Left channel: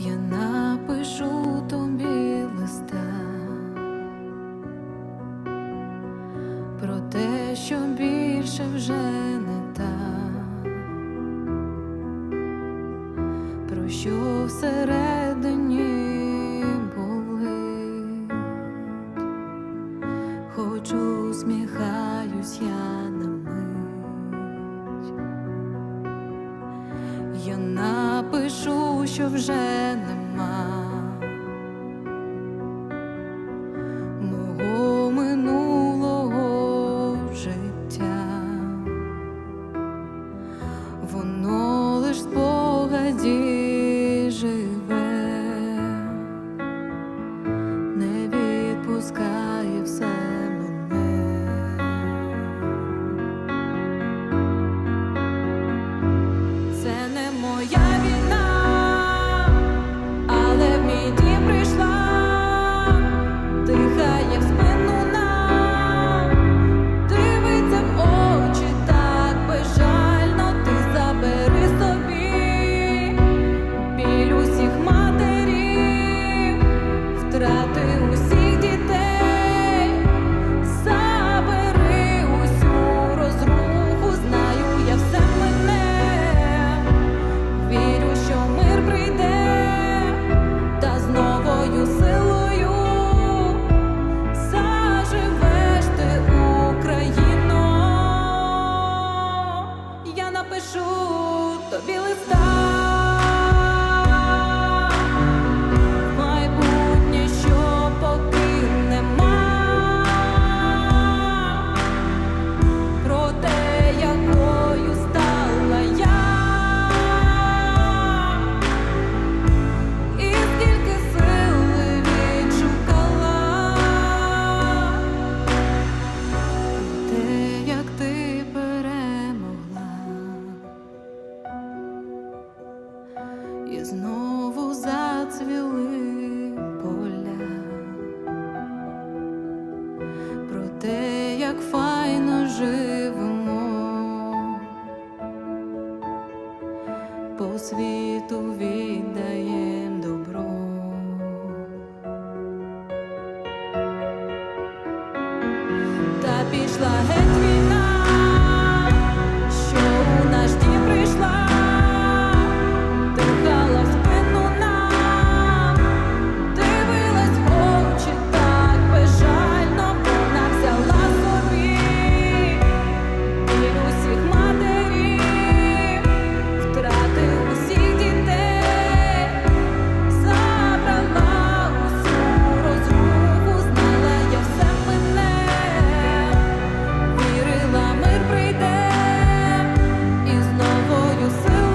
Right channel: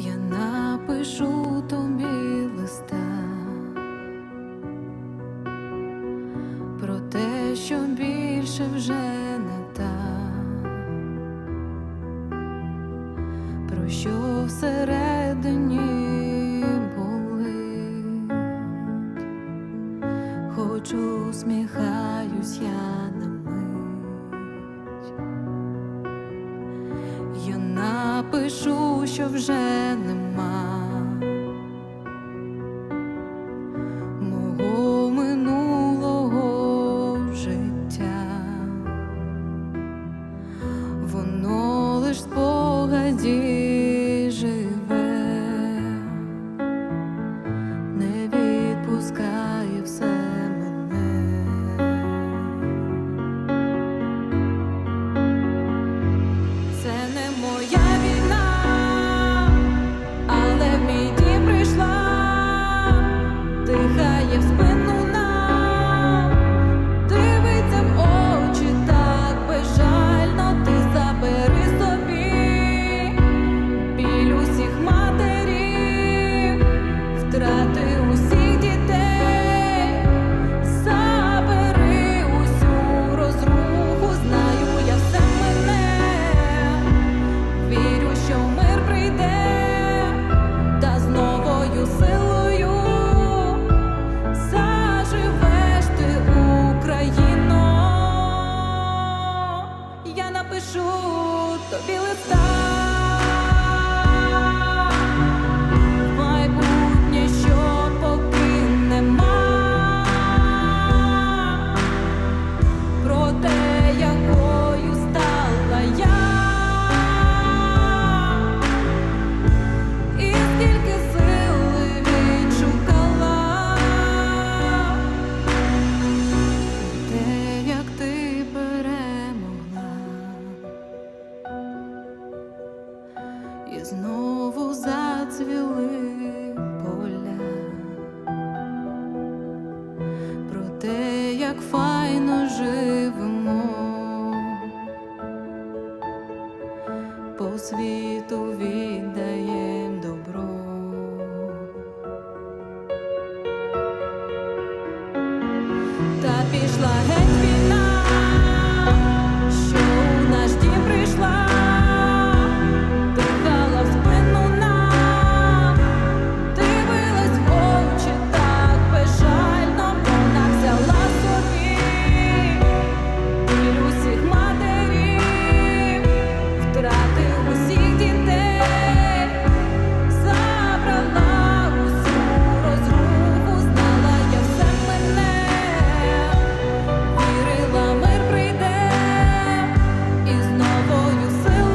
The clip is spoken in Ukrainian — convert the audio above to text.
Я напишу тобі листа про те, що більше вже не та, про що всередині болить, хоч усміхаюсь я на мить. Я напишу, що вже нема. Мого минулого життя, воно лиш спогаді живе, не відпускає все мене. Це не моя війна, але в мій дім прийшла, дихає в спину напишу тобі листа. І знову зацвіли поля. Про те, як файно живемо, по світу віддаєм добро. Та пішла геть війна, що у наш дім прийшла, you slew